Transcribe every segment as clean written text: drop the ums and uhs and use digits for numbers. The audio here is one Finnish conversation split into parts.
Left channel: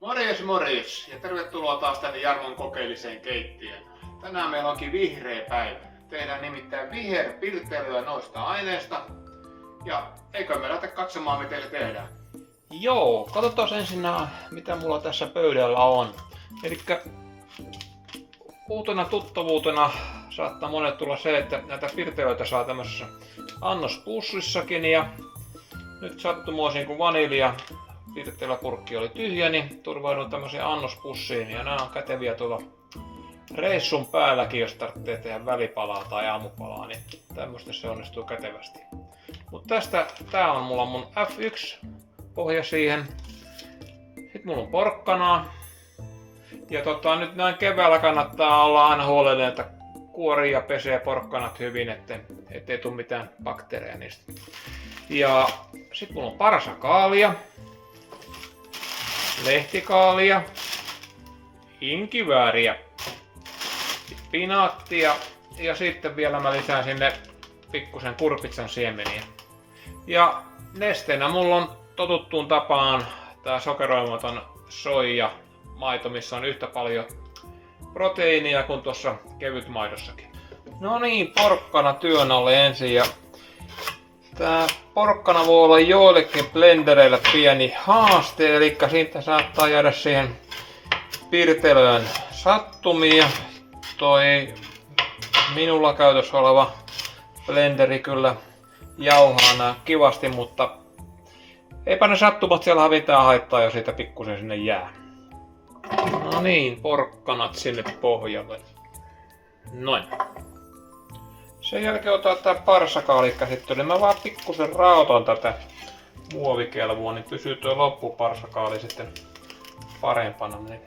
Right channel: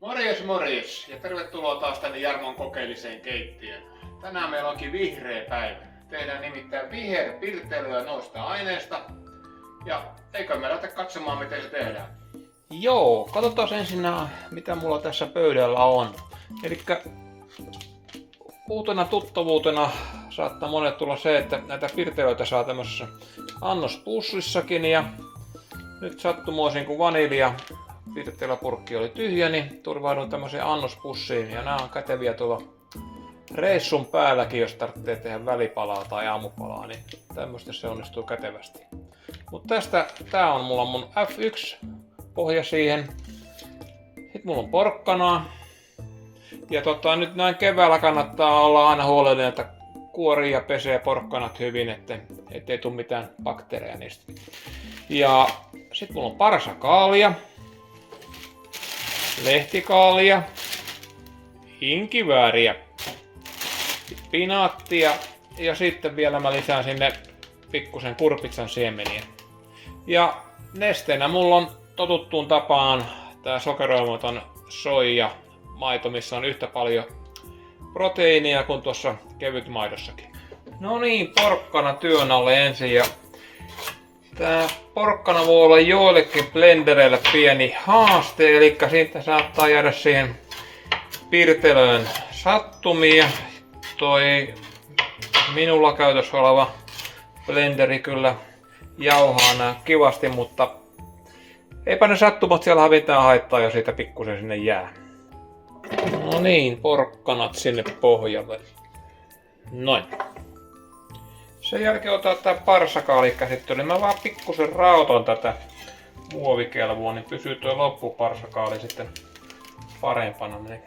Morjes morjes ja tervetuloa taas tänne Jarmon kokeelliseen keittiöön. Tänään meillä onkin vihreä päivä. Tehdään nimittäin viherpirteilyä noista aineista. Ja eikö me lähdetä katsomaan miten se tehdään? Joo, katsotaan ensin mitä mulla tässä pöydällä on. Elikkä uutena tuttavuutena saattaa monet tulla se, että näitä pirteilöitä saa tämmöisessä annospussissakin. Ja nyt sattumoisin kun vanilja pirteiläpurkki oli tyhjä, niin turvaudun tämmöiseen annospussiin. Ja nämä on käteviä tuolla reissun päälläkin, jos tarvitsee tehdä välipalaa tai aamupalaa, niin tämmöistä se onnistuu kätevästi. Mutta tää on mulla mun F1 pohja siihen. Sitten mulla on porkkanaa. Ja nyt näin keväällä kannattaa olla aina huolellinen, että kuorii ja pesee porkkanat hyvin, ettei tule mitään bakteereja niistä. Ja sitten mulla on parsakaalia, lehtikaalia, inkivääriä, pinaattia ja sitten vielä mä lisään sinne pikkusen kurpitsan siemeniä. Ja nesteenä mulla on totuttuun tapaan tää sokeroimaton soija maito, missä on yhtä paljon proteiinia kuin tuossa kevytmaidossakin. No niin, porkkana työn alle ensin. Ja tää porkkana voi olla joillekin blendereille pieni haaste, eli siitä saattaa jäädä siihen pirtelöön sattumia. Toi minulla käytössä oleva blenderi kyllä jauhaa nää kivasti, mutta eipä ne sattumat siellä mitään haittaa, jos siitä pikkusen sinne jää. No niin, porkkanat sinne pohjalle. Noin. Sen jälkeen otan tää parsakaali käsittelyyn. Mä vaan pikkusen raotan tätä muovikelvoa, niin pysyy tuo loppuparsakaali sitten parempana. Niin.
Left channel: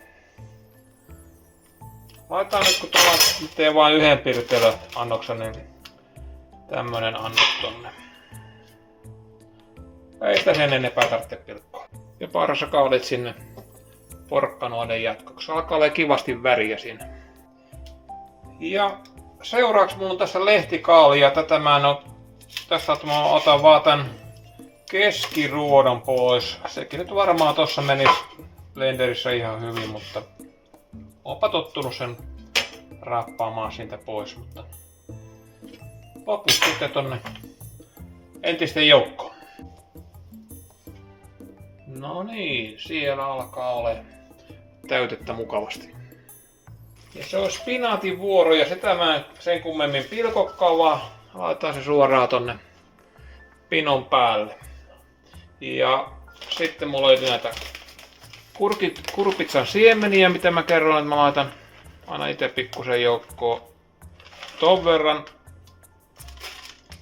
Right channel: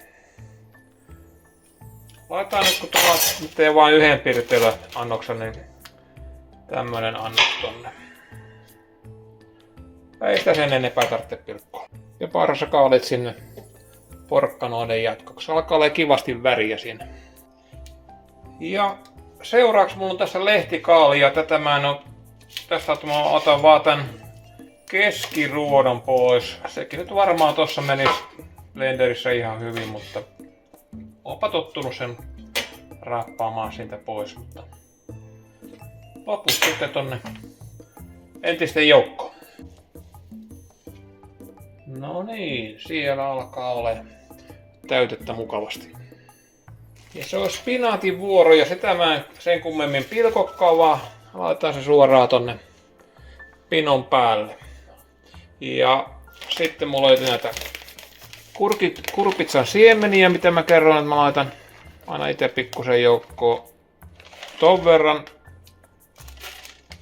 Laitetaan nyt, kun tuolla teen vain yhden pirteilyannoksen, niin tämmönen annos tonne. Ei sitä sen enempää tarvitse pilkkoa. Ja parsakaalit sinne porkkanoiden jatkoksi. Alkaa olla kivasti väriä siinä. Ja seuraavaksi mulla on tässä lehtikaali ja tätä mä en oo... Tässä mä otan vaan tän keskiruodon pois. Sekin nyt varmaan tossa menisi blenderissä ihan hyvin, mutta oonpa tottunut sen rappaamaan siitä pois, mutta loput sitten tonne entisten joukkoon. No niin, siellä alkaa olla täytettä mukavasti. Ja se on spinaatin vuoro ja sitä mä en sen kummemmin pilkokkaan, vaan laitetaan se suoraan tonne pinon päälle. Ja sitten mulla löytyy näitä kurpitsan siemeniä, mitä mä kerron, että mä laitan aina itse pikkusen joukkoon ton verran.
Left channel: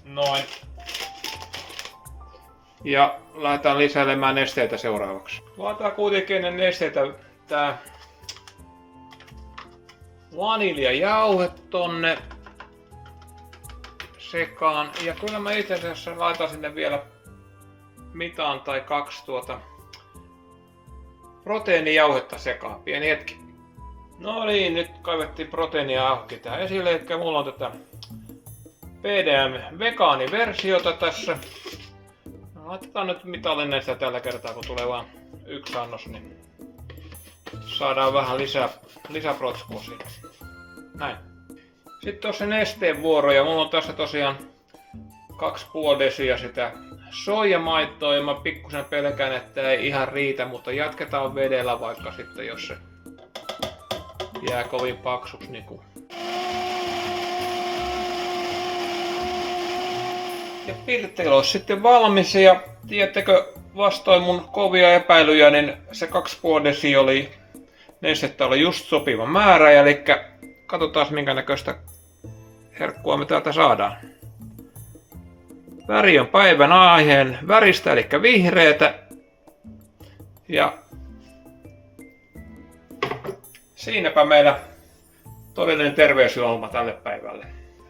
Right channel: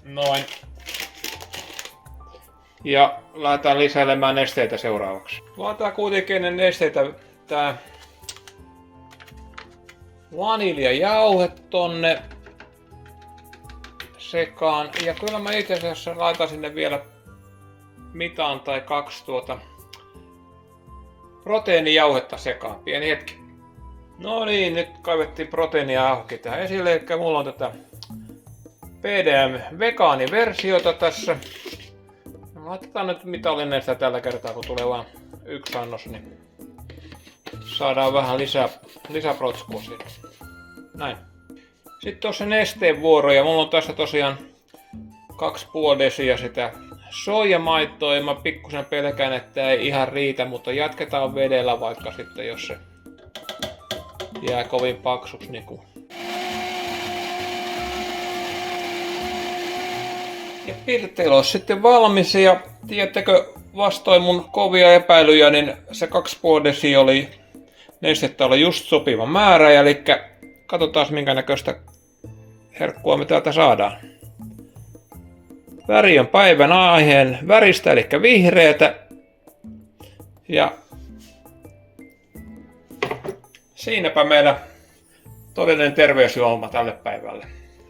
Noin. Ja lähdetään lisäilemään nesteitä seuraavaksi. Laitetaan kuitenkin ennen nesteitä tää vaniljajauhe tonne sekaan. Ja kyllä mä itse asiassa laitan sinne vielä mitaan tai kaksi proteiinijauhetta sekaan. Pieni hetki. No niin, nyt kaivettiin proteiinijauhki tähän esille. Eli mulla on tätä PDM vegaaniversiota tässä. Laitetaan nyt mitallinen sitä tällä kertaa, kun tulee vain yksi annos, niin saadaan vähän lisäprotskua siinä. Näin. Sitten tuossa nesteen vuoro, ja mulla on tässä tosiaan 2,5 desiä sitä soijamaitoa, ja mä pikkusen pelkään, että ei ihan riitä, mutta jatketaan vedellä vaikka sitten, jos se jää kovin paksuksi. Niin ja pirteily on sitten valmis, ja tiedättekö, vastoin mun kovia epäilyjä, niin se 2,5 desiä oli nestettä oli just sopiva määrä, eli katsotaan minkä näköistä herkkua me täältä saadaan. Väri on päivän aiheen väristä, eli vihreätä. Ja siinäpä meillä todellinen terveysjuoma tälle päivälle.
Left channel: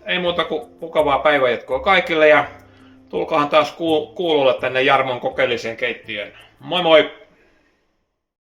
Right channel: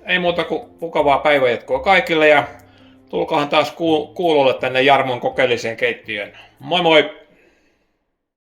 Ei muuta kuin mukavaa päivänjatkoa kaikille ja tulkaahan taas kuulolle tänne Jarmon kokeelliseen keittiöön. Moi moi!